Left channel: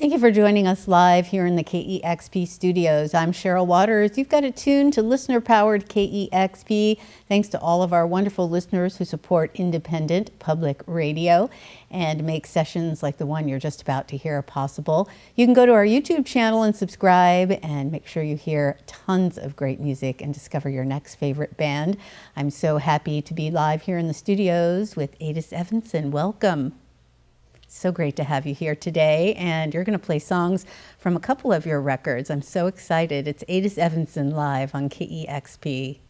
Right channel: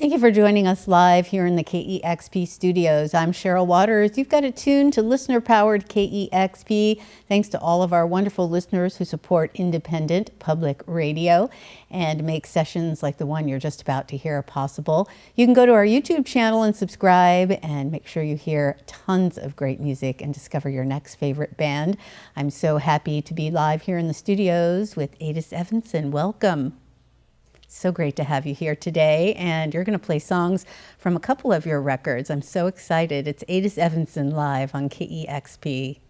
Thank you for joining us live here in the KEXP studios. I'm Cheryl Waters. You've got it tuned to listener-powered KEXP. Thanks to all of our wonderful listeners who support independent public radio and make sessions like the one you're just about to hear possible. You can go to our YouTube channel and subscribe and make sure you hear tons of great music and discover your next favorite band. I'm so happy to be live here in the studios with Evensen. Welcome. So great to have you here today, and you're going to play songs from a couple of your records. I'm so excited. It's Evensen live on KEXP.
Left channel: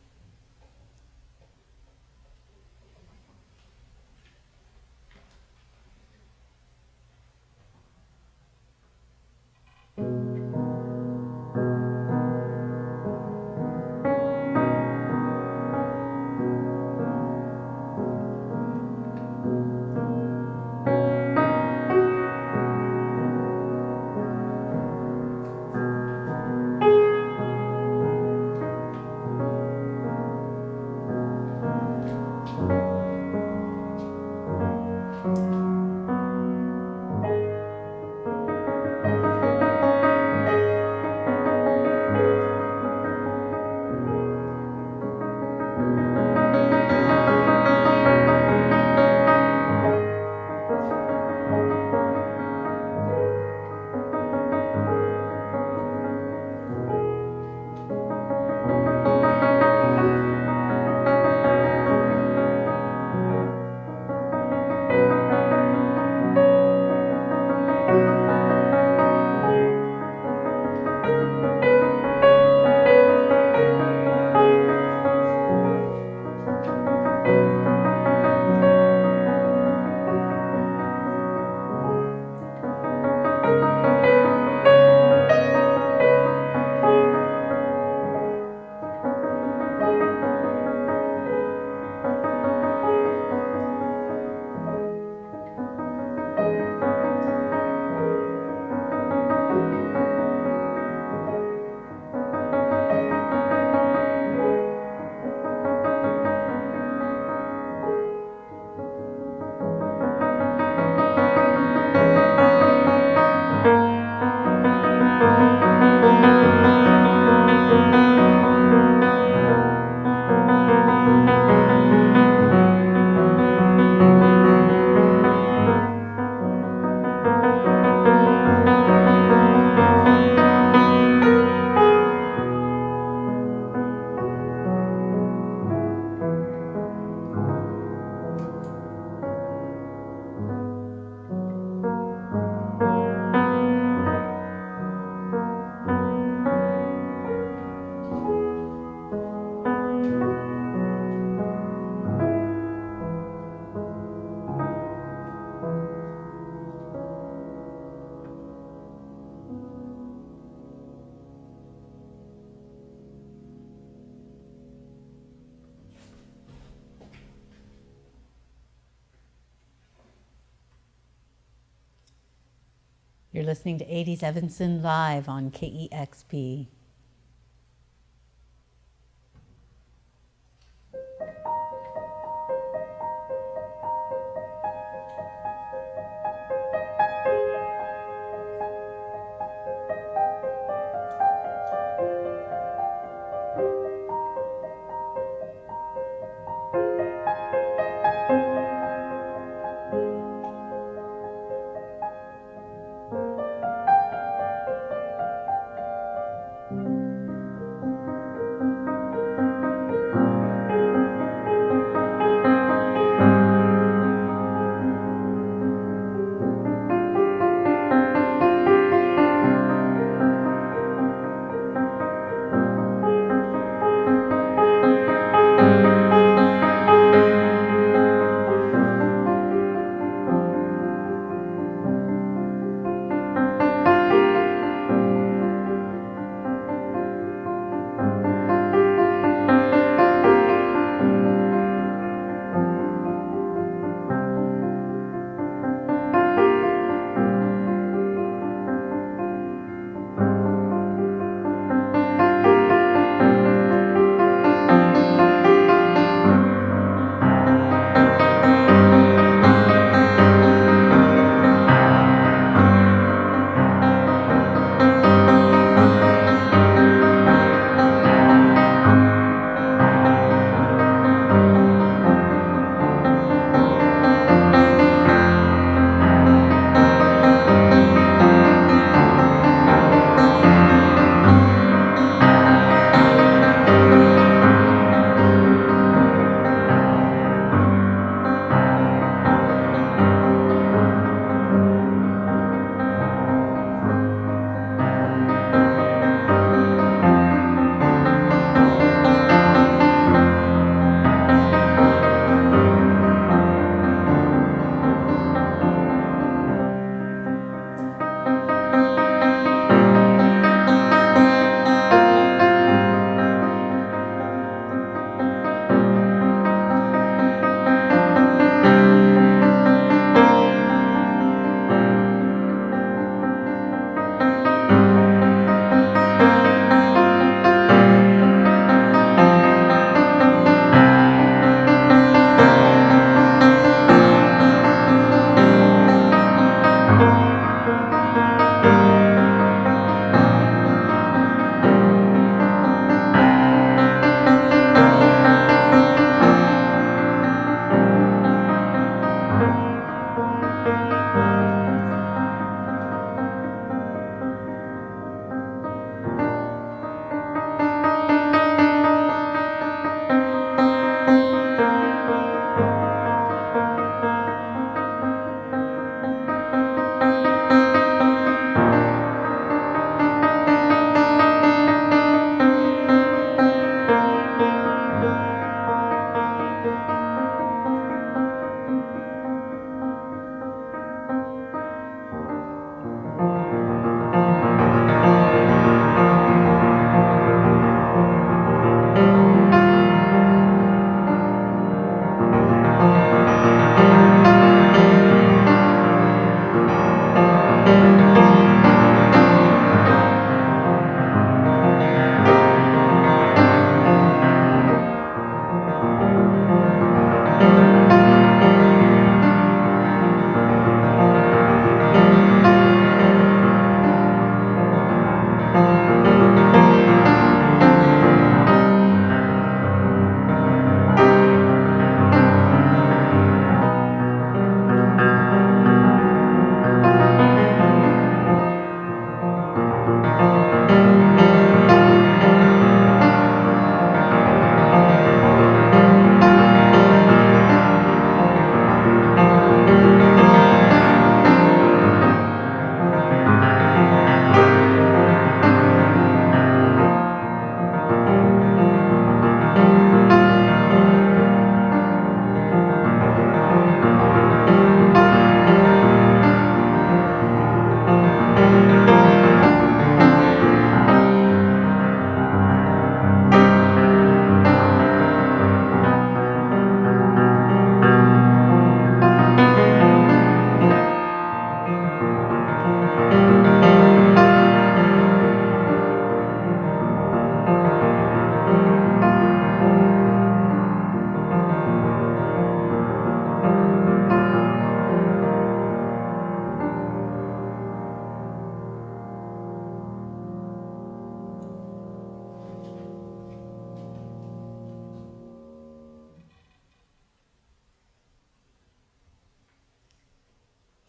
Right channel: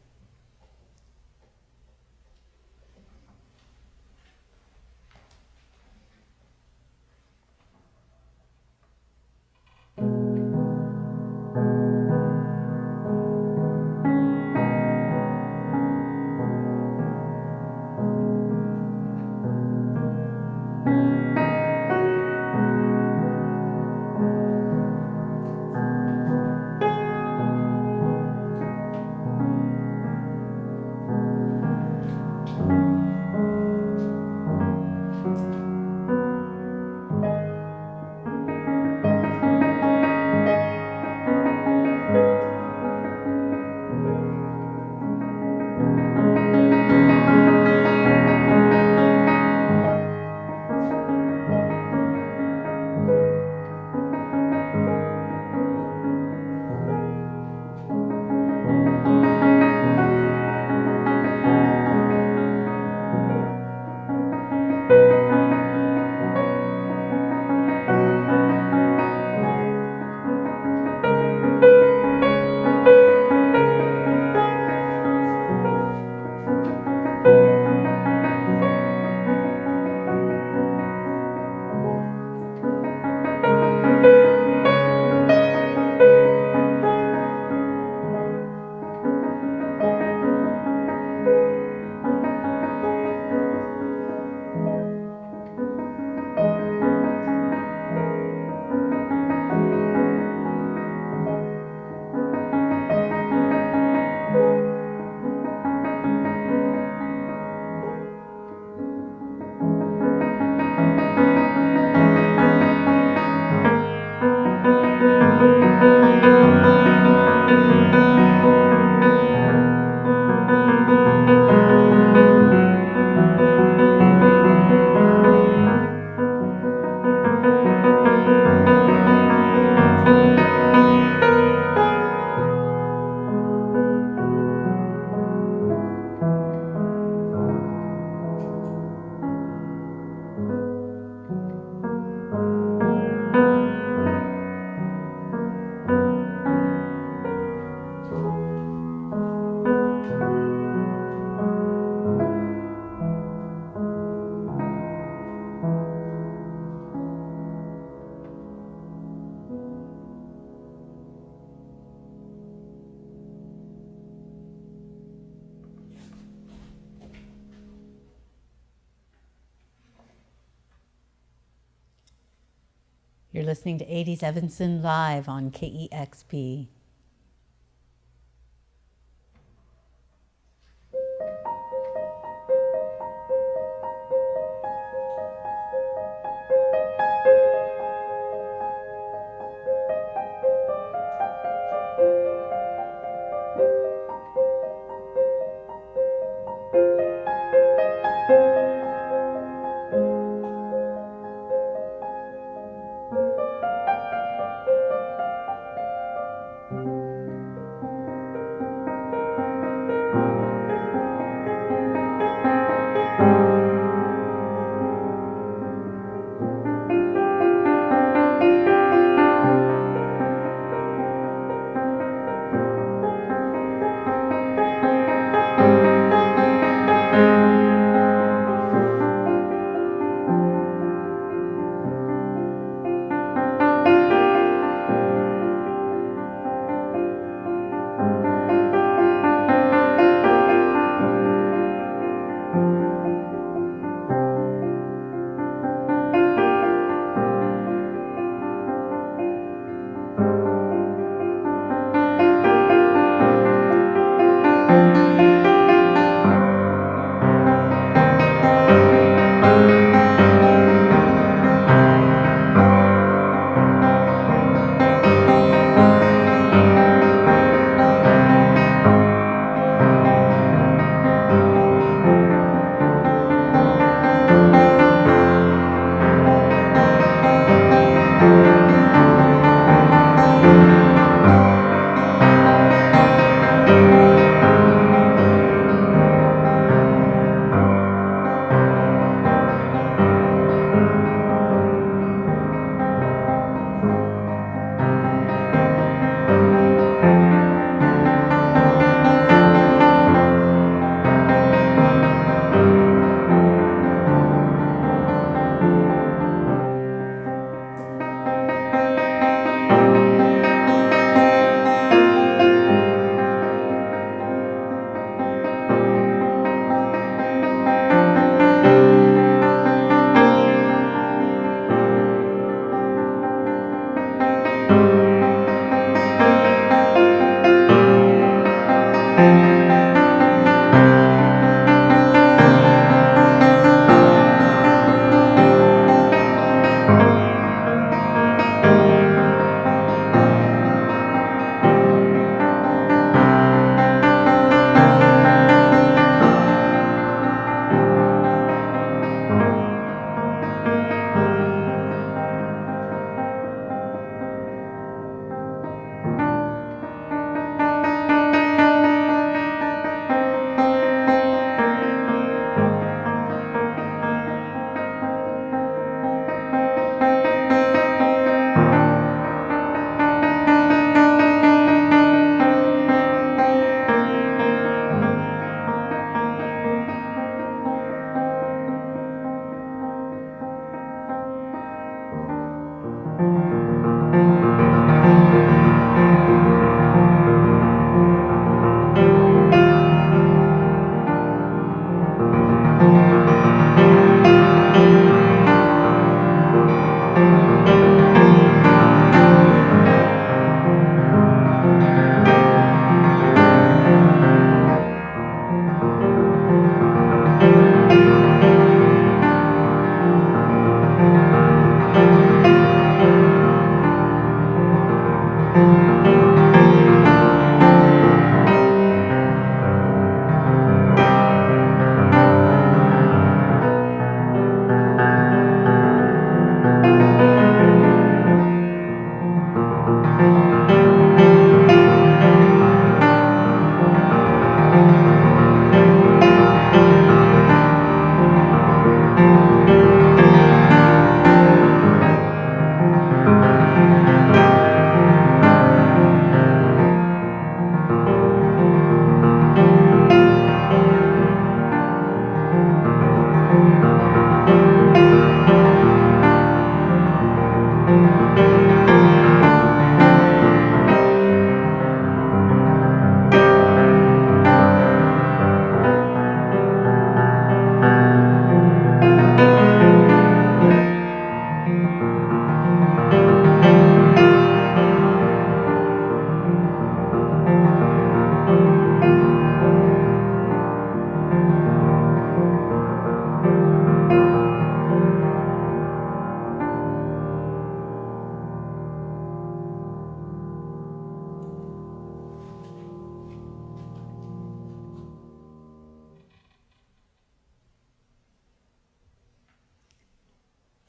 You're listening to Evensen live on KEXP.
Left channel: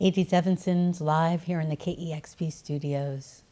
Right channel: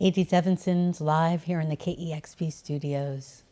Eydi Evensen's live here in the KEXP studios.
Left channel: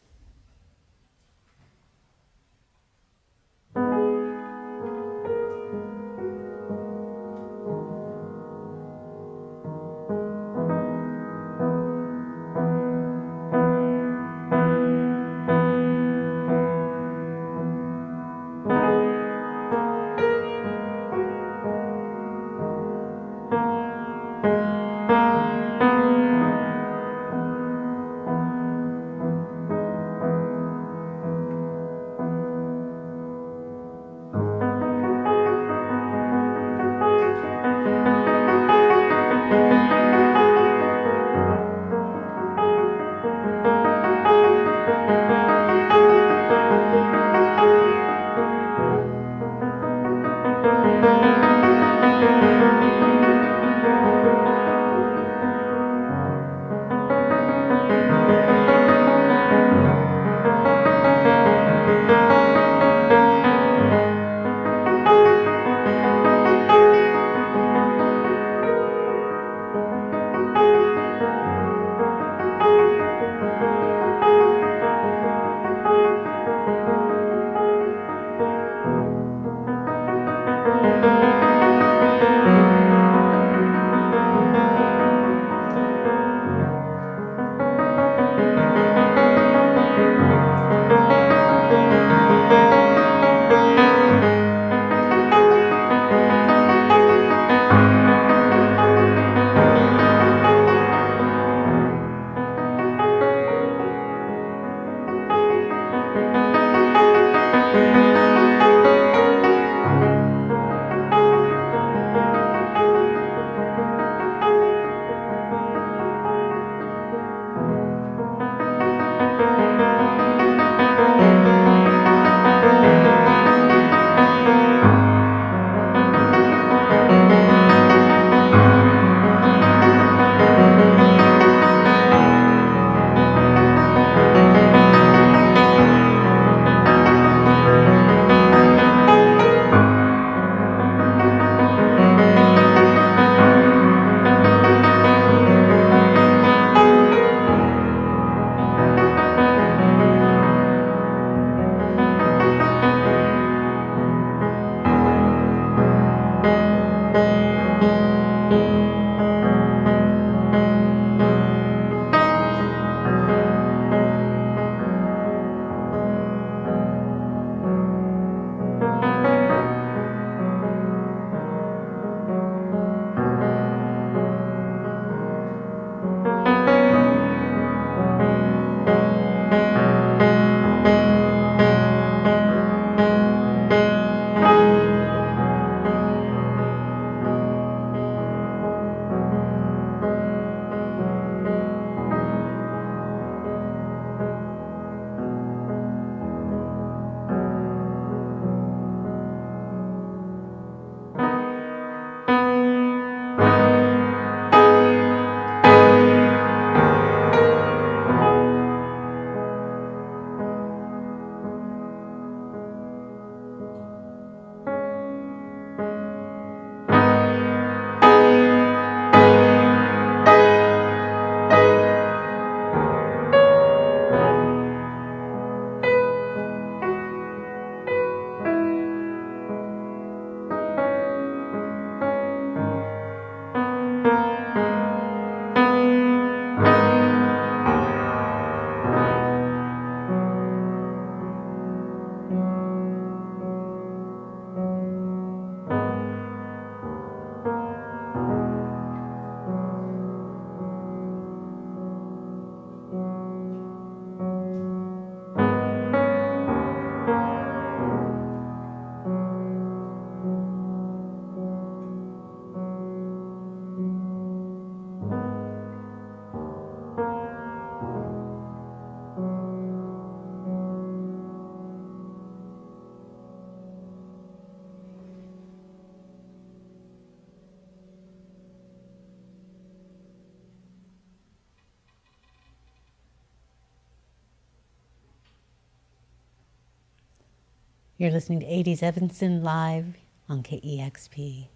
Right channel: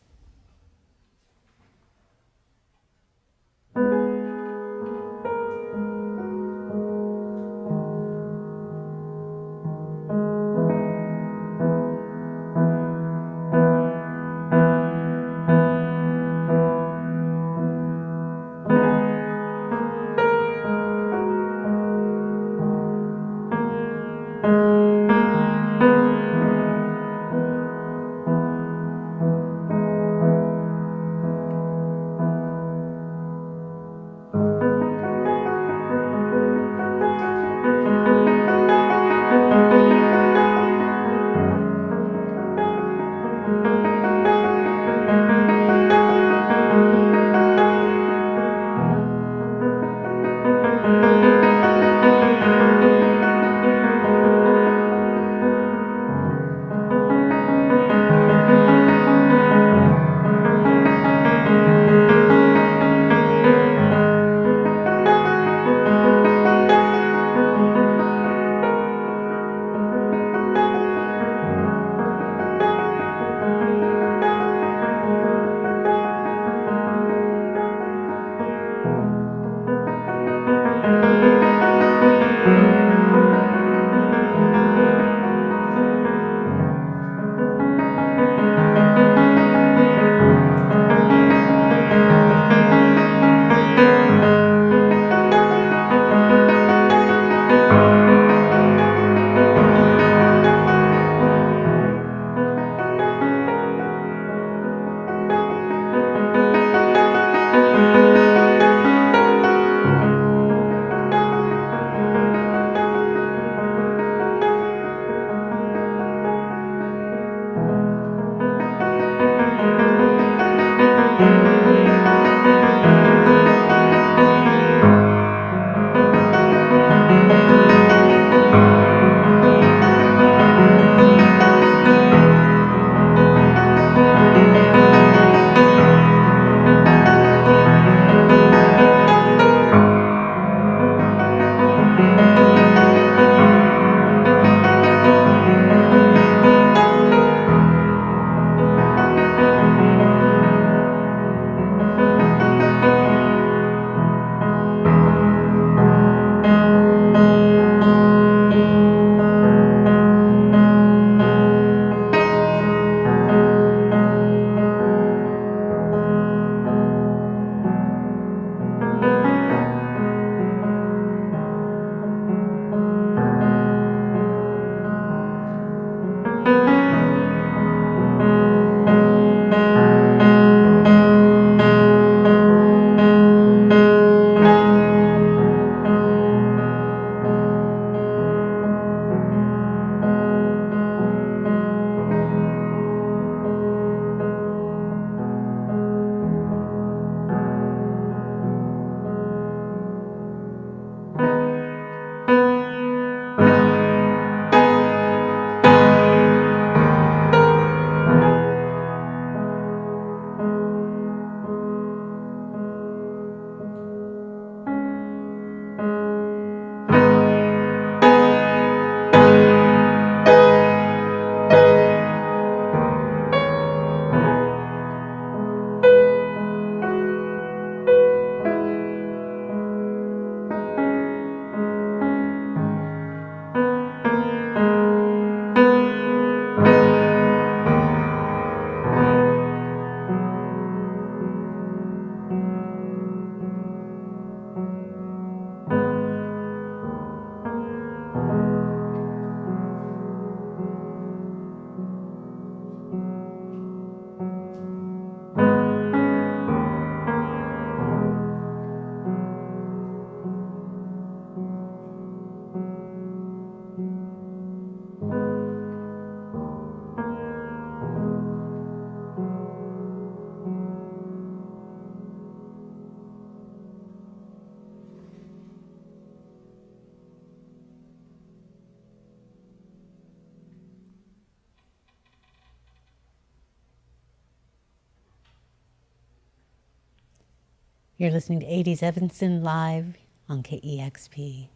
You're listening to Eydi Evensen live on KEXP.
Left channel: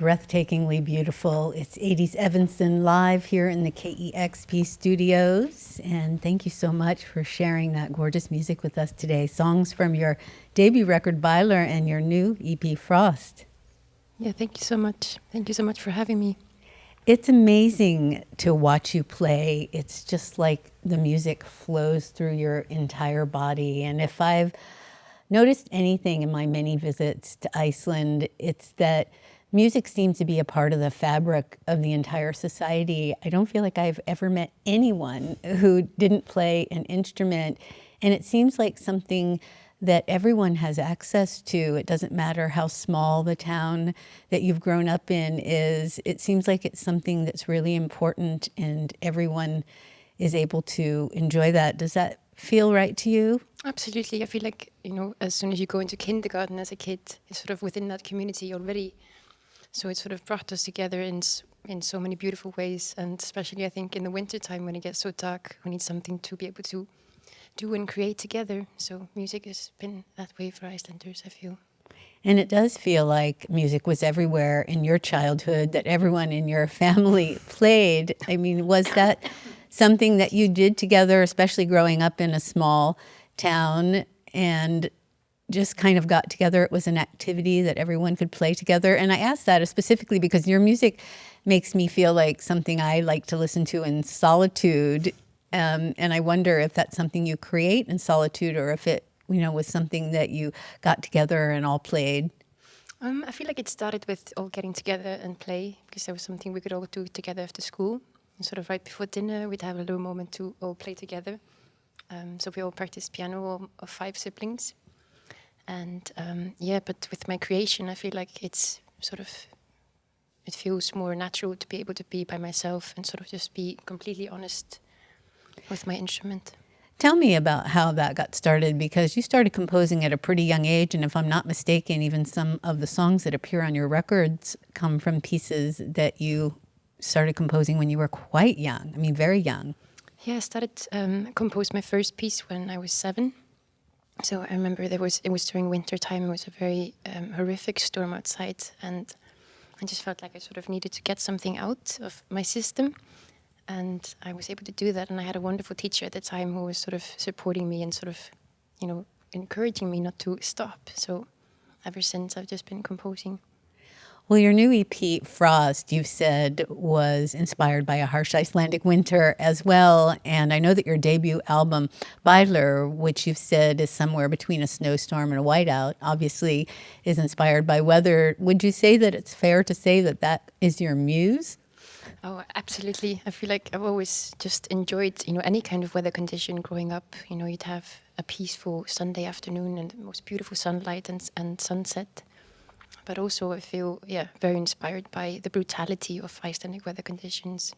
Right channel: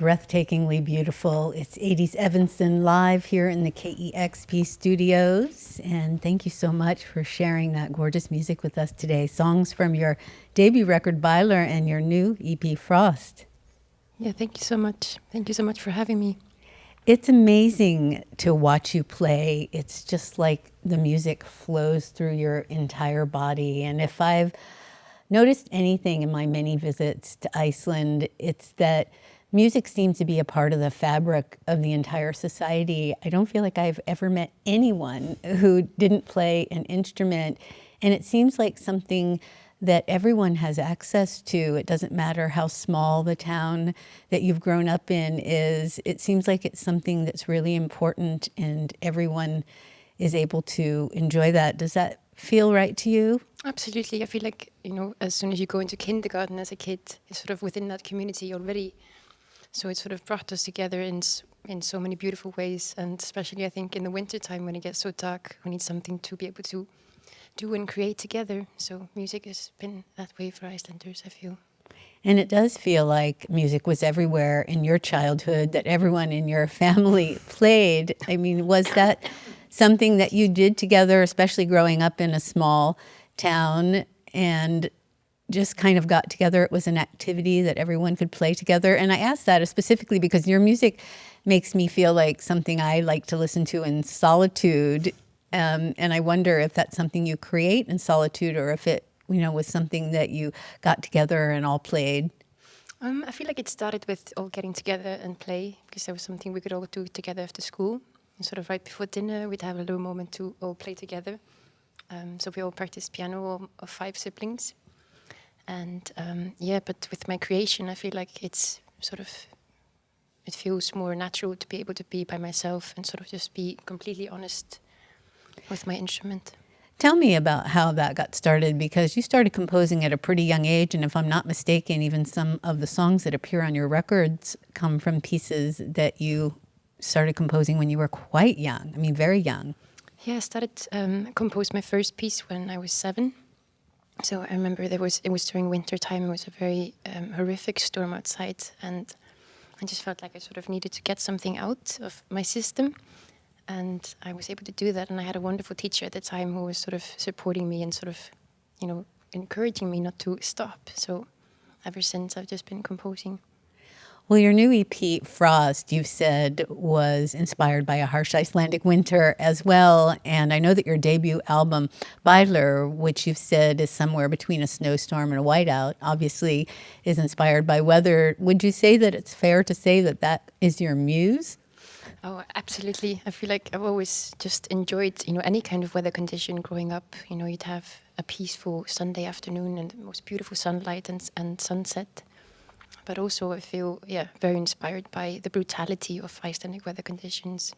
Breathtakingly beautiful. It's Eydi's Evensen live here in the KEXP studios. And thank you so much for sharing that gorgeous music with us today. Songs from your debut record, Byler, and your new EP, Frost. Yeah, thank you so much. Thank you so much for having me. It's amazing to watch you play. It's just like the music flows through your entire body. And if I've noticed anything in my many visits to Iceland, it's that music seems to be a part of the fabric of the entire society. I don't feel like I've ever met anyone who didn't play an instrument. And it seems like something that everyone has access to. It doesn't matter how small the town that you've grown up in is. It seems like it's something that's really important and everyone is able to enjoy that. Does that feel right to you? Absolutely. I feel like, as soon as you go into kindergarten as a kid, it's sort of within that community already. So it sort of brought us together in so many beautiful ways. And especially, I think, in the wintertime when it gets so dark, we need something to be able to do and create together. So music has been that way for Icelanders, I feel. And it does feel like music was everywhere in your childhood, that everyone in your family played. I mean, was that something that you did together, especially growing up in a small town and just kind of got together? It was an activity that everyone could play together. And I asked that specifically because your music makes me feel like something I like to listen to in solitude. And I wonder if that's something you create in solitude or if it, was something that you got together and all played. I feel like it started with all getting together and play because that was something we could all do together after school. And sort of right before dinner, we'd have a little moment to all play together. So we all practiced piano, all of 5 siblings. And but with my creation, I feel like it feels more natural to be able to be by myself and sort of just be completely honest with my instrument. Tell me about how that got started, because you started composing at a pretty young age, and if I'm not mistaken, even some of the songs that appear on your records come from pieces that you started composing when you were quite young. I mean, very young. Yeah, I started compose my first piece when I was 7. So I remember it was during winter time. It was a very horrific storm outside, and I just felt like I sort of needed to get something out of my system. And I was able to do that. And I had a wonderful teacher at the time who was sort of supporting me and sort of, encouraging me not to stop. So ever since, I've just been composing. Well, your new EP, Frost, you've said was inspired by a harsh Icelandic winter as well. And I know that your debut album, Byler, which you've said is somewhere between a snowstorm and a whiteout, obviously is inspired by weather. Would you say that it's fair to say that that is your muse? Oh, absolutely. I feel like I've always just enjoyed, any kind of weather condition growing up. You'd have a peaceful Sunday afternoon and the most beautiful sunlight and sunset. But also I feel, very inspired by the brutality of Icelandic weather conditions.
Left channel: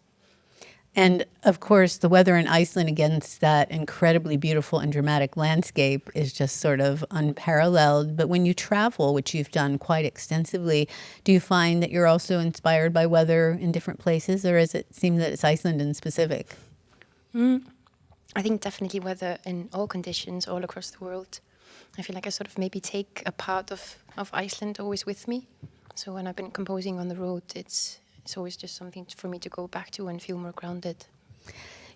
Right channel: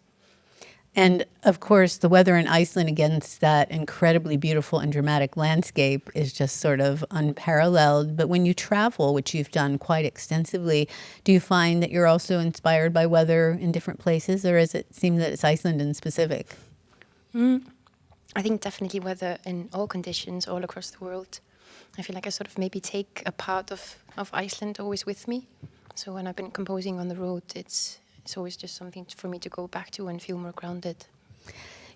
And of course, the weather in Iceland against that incredibly beautiful and dramatic landscape is just sort of unparalleled. But when you travel, which you've done quite extensively, do you find that you're also inspired by weather in different places, or does it seem that it's Iceland in specific? I think definitely weather in all conditions all across the world. I feel like I sort of maybe take a part of Iceland always with me. So when I've been composing on the road, it's always just something for me to go back to and feel more grounded.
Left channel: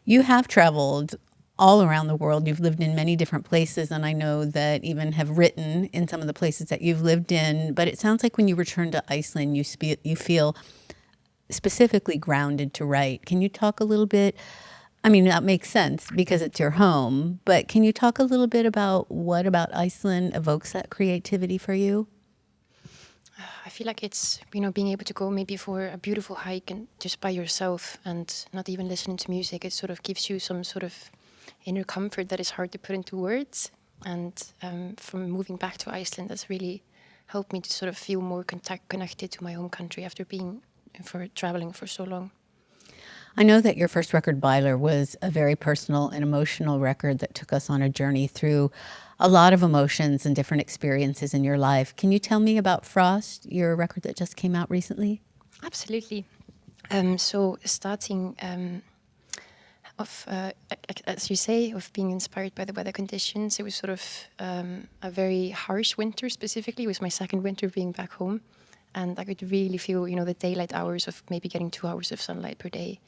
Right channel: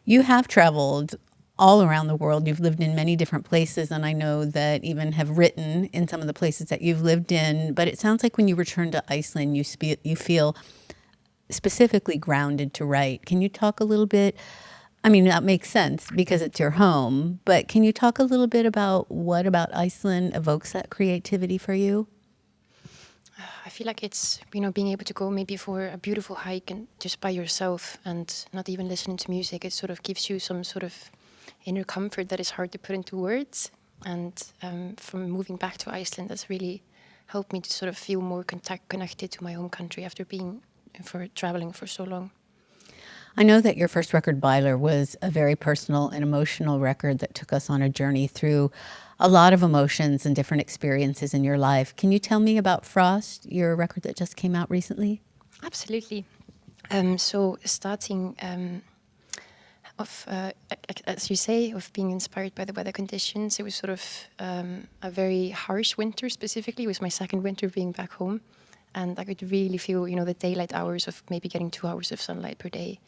You have traveled all around the world. You've lived in many different places, and I know that even have written in some of the places that you've lived in. But it sounds like when you return to Iceland, you feel specifically grounded to write. Can you talk a little bit? I mean, that makes sense because it's your home, but can you talk a little bit about what about Iceland evokes that creativity for you? I feel like it's, being able to go maybe for a beautiful hike and just by yourself and not even listening to music. It sort of gives you some sort of inner comfort that is hard to put into words. And from moving back to Iceland, that's really helped me to sort of feel more connected to my home country after traveling for so long. I know that your first record, Byler, was a very personal and emotional record that took us on a journey through a lot of emotions and different experiences in your life. Can you tell me about Frost, your record that just came out recently? Absolutely. So starting as you say, of being inspired by the weather conditions, it was sort of a very harsh winter specifically. It was my second winter being back home. and I could really feel, the daylight hours of maybe getting 2 hours of sunlight per day.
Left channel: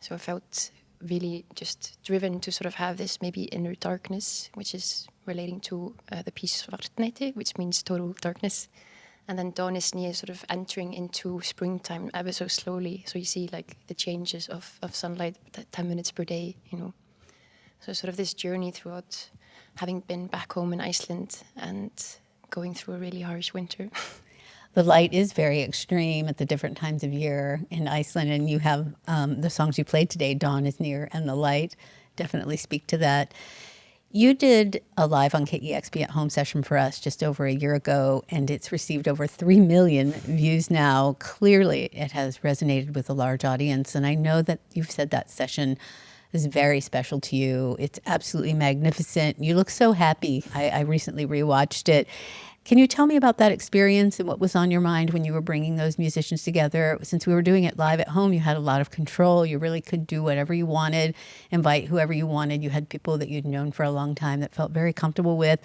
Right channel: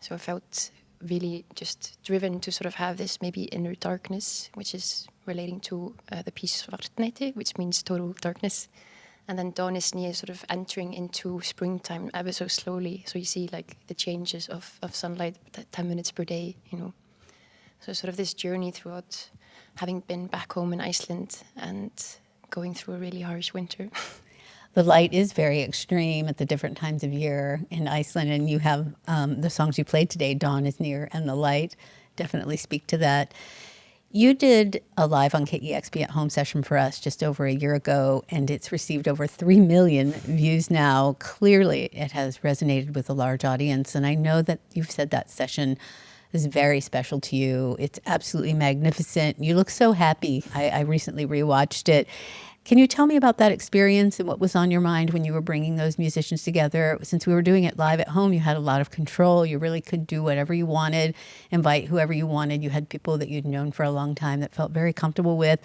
So I felt really just driven to sort of have this maybe inner darkness, which is relating to the piece Svartnætti, which means total darkness. And then dawn is near sort of entering into springtime ever so slowly. So you see like the changes of sunlight, 10 minutes per day, So sort of this journey throughout having been back home in Iceland and going through a really harsh winter. The light is very extreme at the different times of year in Iceland, and you have the songs you played today, Dawn is Near and The Light, definitely speak to that. You did a live on KEXP at home session for us just over a year ago, and it's received over 3 million views now. Clearly, it has resonated with a large audience, and I know that you've said that session is very special to you. It's absolutely magnificent. You look so happy. I recently rewatched it. Can you tell me about that experience and what was on your mind when you were bringing those musicians together? Since we were doing it live at home, you had a lot of control. You really could do whatever you wanted, invite whoever you wanted. You had people that you'd known for a long time that felt very comfortable with.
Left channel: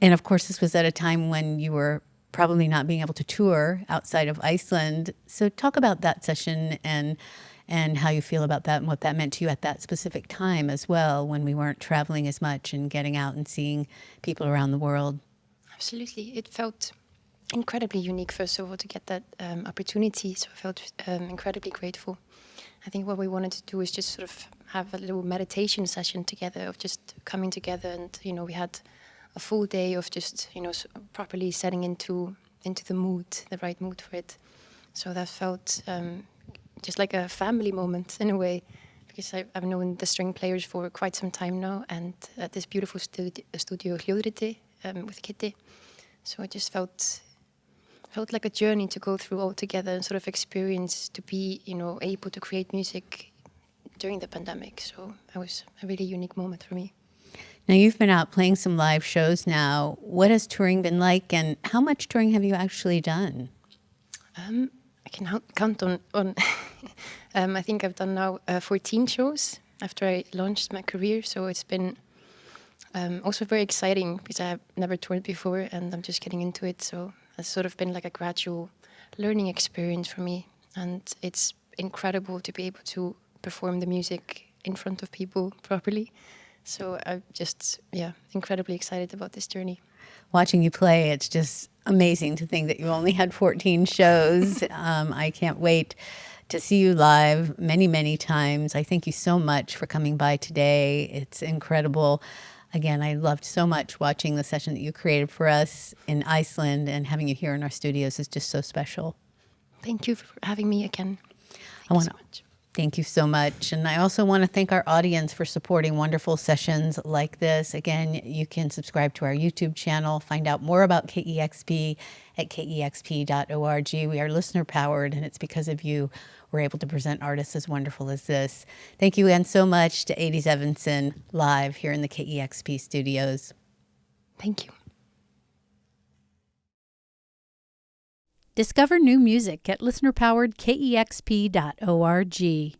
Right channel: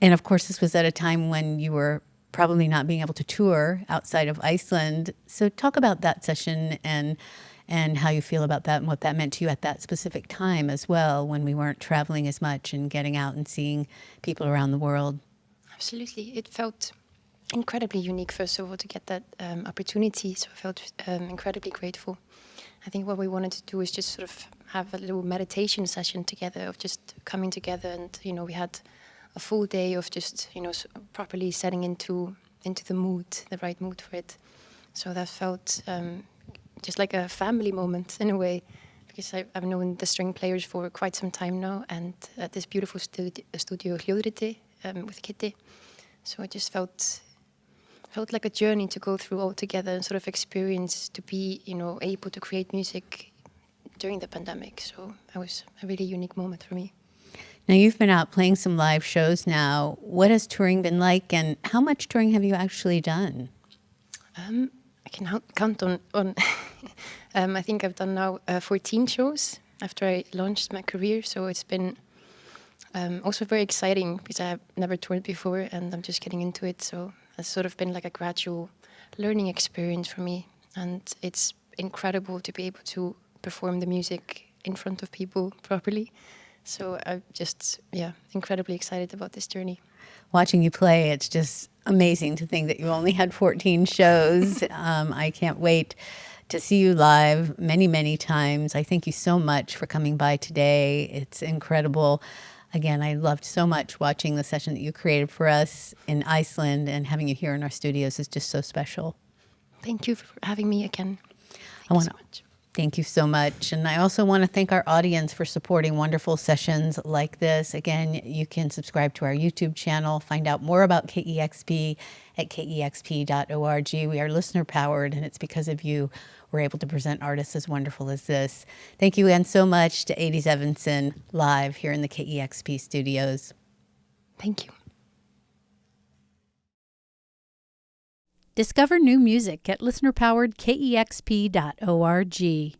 And of course, this was at a time when you were probably not being able to tour outside of Iceland. So talk about that session and how you feel about that and what that meant to you at that specific time as well, when we weren't traveling as much and getting out and seeing people around the world. Absolutely. It felt incredibly unique, first of all, to get that opportunity. So I felt incredibly grateful. I think what we wanted to do is just sort of have a little meditation session together, of just coming together. And, we had a full day of just, properly setting into the mood, the right mood for it. So that felt just like a family moment in a way, because I've known the string players for quite some time now, and at this beautiful studio Hljóðriti, with Kitty. So it just felt like a journey to go through all together and sort of experience to be, able to create music during the pandemic. So that was a really unique moment for me. Now, you've been out playing some live shows now. What has touring been like, and how much touring have you actually done? I can count on I think I've done now 14 shows after I launched my career. So it's been also very exciting because I have never toured before and I'm just getting into it. So it's sort of been like a gradual learning experience for me. And it's incredible to be able to perform the music in front of people properly. So I'm just, incredibly excited about this journey. Watching you play, it's just amazing to think that you only had 14 shows. I can't wait to see you live many, many times. I thank you so much for coming by today. It's incredible. Again, I loved so much watching the session that you created for us in Iceland, and having you here in our studios is just so special. Thank you for having me again. Thank you so much. Thank you so much. And I also want to thank our audience for supporting wonderful sessions like this. Again, you can subscribe to our YouTube channel, find out more about KEXP at kexp.org. We are listener powered, and it's because of you we're able to present artists as wonderful as this. Thank you again so much to Eydi Evensen live here in the KEXP studios. Thank you. Discover new music at listenerpoweredkexp.org.